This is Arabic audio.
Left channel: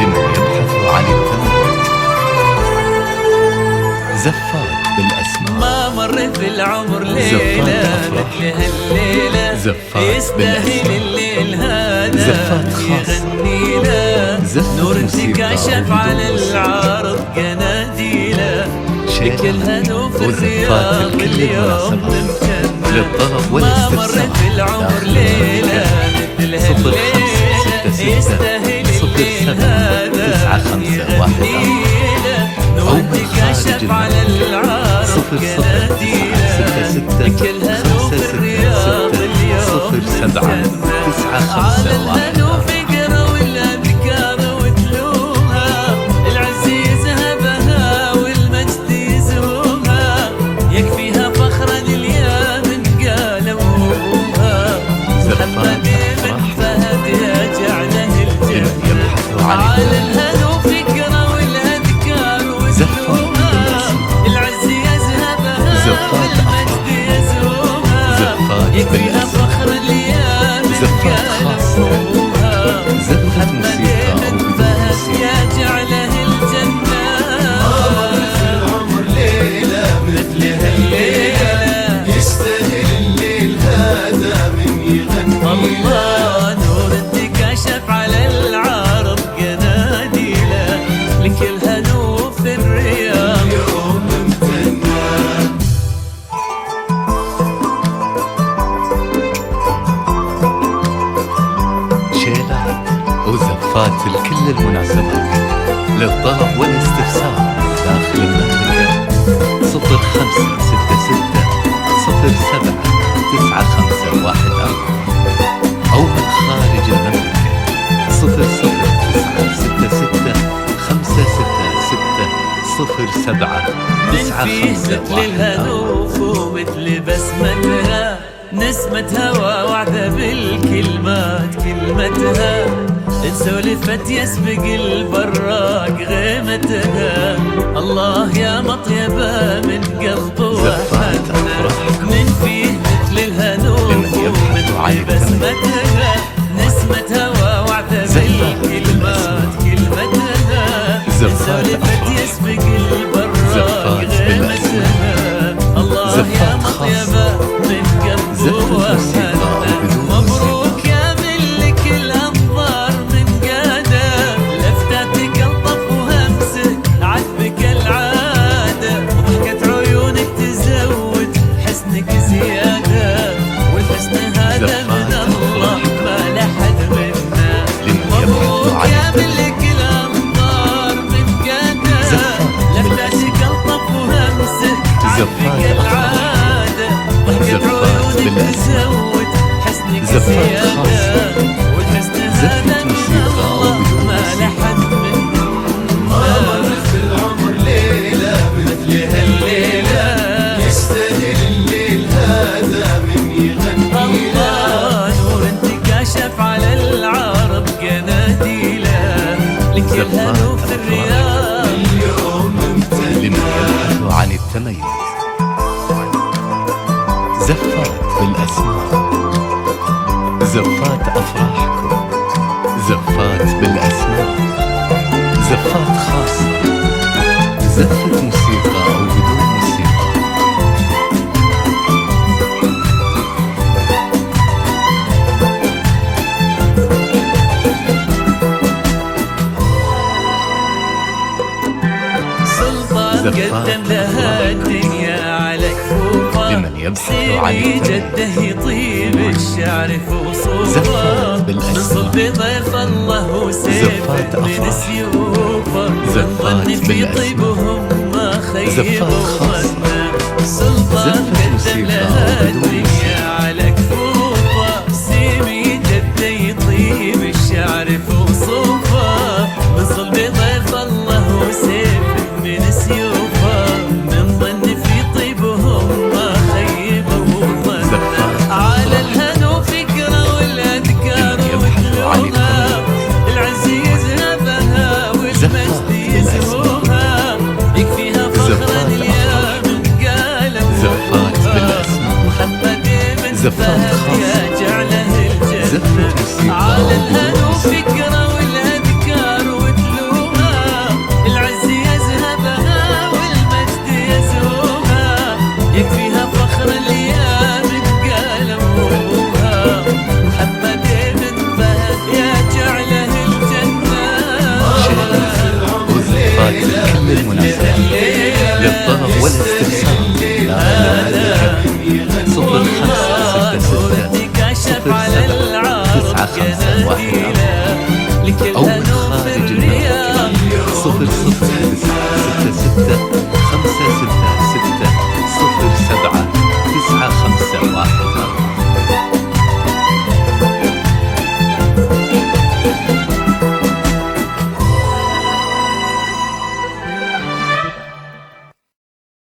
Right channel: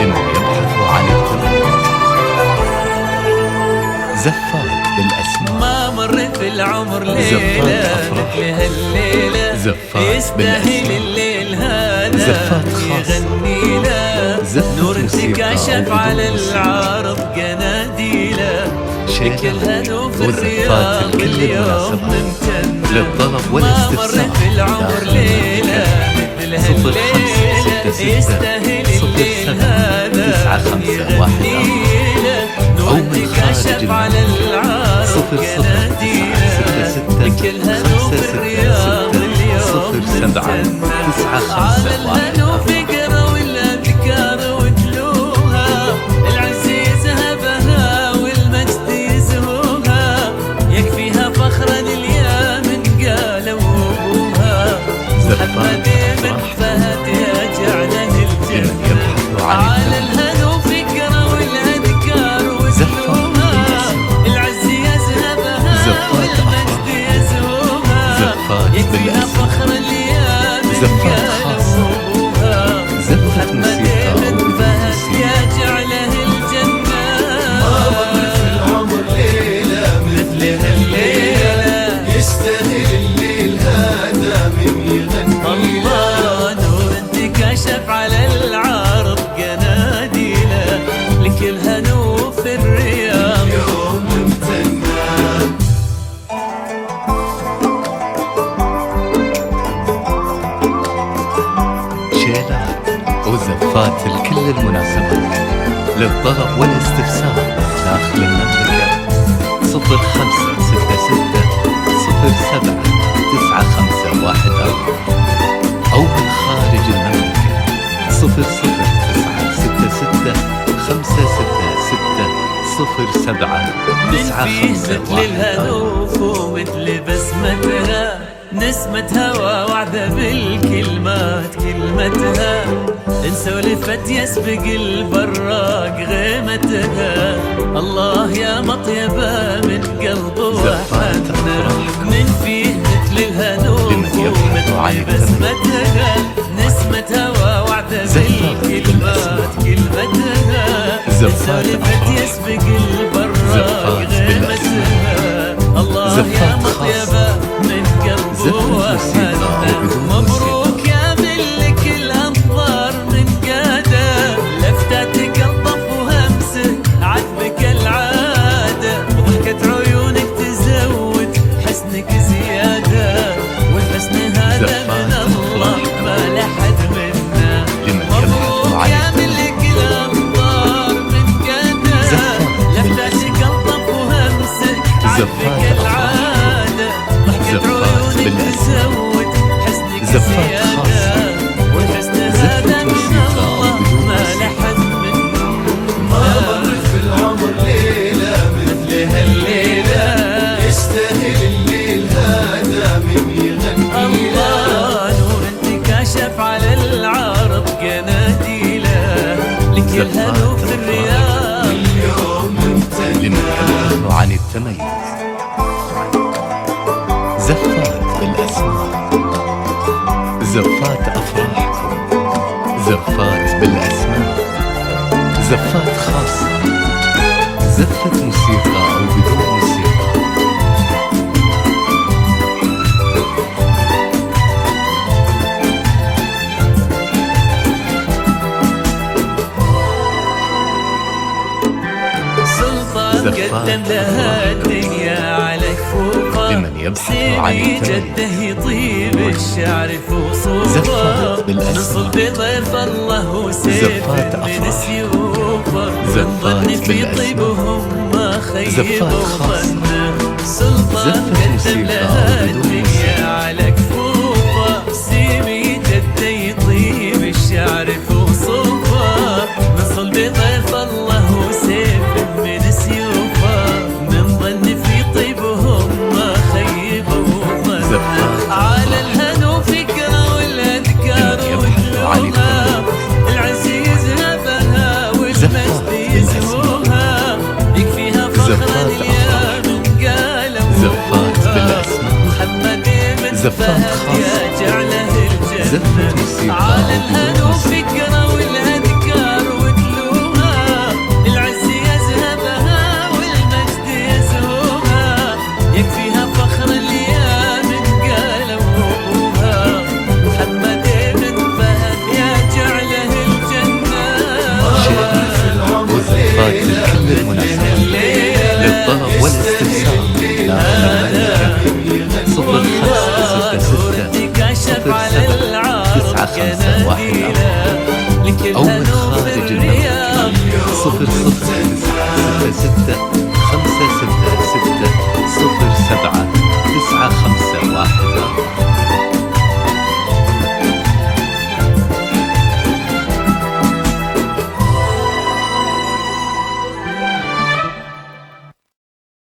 لمن يبحث عن التميز. زفات بالأسماء. ما مرت بالعمر ليلة مثل هالليلة، زفات يستاهل الليل هذا زفات خاصة يغني له، نور انتكاشف على العارض قناديله، كلها نوف الرياض اليوم ممتنة. للطلب والاستفسار ما مرت بالعمر ليلة مثل هالليلة، يستاهل الليل هذا يغني له، نور انتكاشف على العارض قناديله، كلها نوف الرياض اليوم ممتنة. على الهنو فقرة والأذكار وتلوها، العز يذهبها والمجد يزهوها، يكفيها فخرا اليمن قالوا ابوها، محمد بن فهد يجعله الجنة. على الهنو فقرة والأذكار وتلوها، العز يذهبها والمجد يزهوها، يكفيها فخرا اليمن قالوا ابوها، محمد بن فهد يجعله الجنة. مثل هالليلة الله، نور انتكاشف على العارض قناديله، لكل هنو في الرياض. شيلات وزفات لكل المناسبات، للطلب والاستفسار داخل المملكة 0566079514 أو من خارج المملكة 00966566007. من فيه مثل الهنوف ومثل بسمتها، نسمة هوا وعدة بالكلمات كلمتها، إن سولفت يسبق البراق غيمتها. الله يا مطيبة من قلب وحنة، من فيه مثل الهنوف ومثل بسمتها، نسمة هوا وعدة بالكلمات كلمتها، إن سولفت يسبق البراق غيمتها. الله يا مطيبة من قلب وحنة، مبروك يا ملك الأنظار من قادة، لفتاتك الطف وهمسك عذبك العادة، وضحكة عيونك تزود حسنك زيادة، والحسن هذا من الله ما لحد منا. مبروك يا ملك الأنظار من قادة، لفتاتك الطف وهمسك عذبك العادة، ضحكة عيونك تزود حسنك زيادة، والحسن هذا من الله ما لحد منا. مثل هالليلة الله، نور انتكاشف على العارض قناديله، لكل هنو في الرياض. لمن يبحث عن التميز. زفات بالأسماء. زفات أفراحكم، زفات بالأسماء، زفات خاصة، زفة موسيقى أو بدون موسيقى. سلطان قدم لها الدنيا على كفوفه، لمن يبحث عن التميز. جده يطيب الشعر فوصوفه، من صلب ضيف الله وسيف من سيوفه، من ظن في طيبهم ما خيبوا ظنه. سلطان قدم لها الدنيا على كفوفه، سيمي جده يطيب الشعر فوصوفه، من صلب ضيف الله وسيف من سيوفه، من ظن في طيبهم ما خيبوا ظنه. على الهنو فكرة والأذكار وتلوها، العز يذهبها والمجد يزهوها، يكفيها فخرا اليمن قالوا زفات بالأسماء. محمد بن فهد يجعله الجنة. على الهنو فكرة والأذكار وتلوها، ثيابها والمجد يزهوها، يكفيها فخر اليا من قالوا ابوها. محمد بن فهد يا جعله الجنة، شيلات وزفات لكل المناسبات، للطلب والاستفسار داخل المملكة 0566 079514 أو من خارج المملكة 00966566 079514.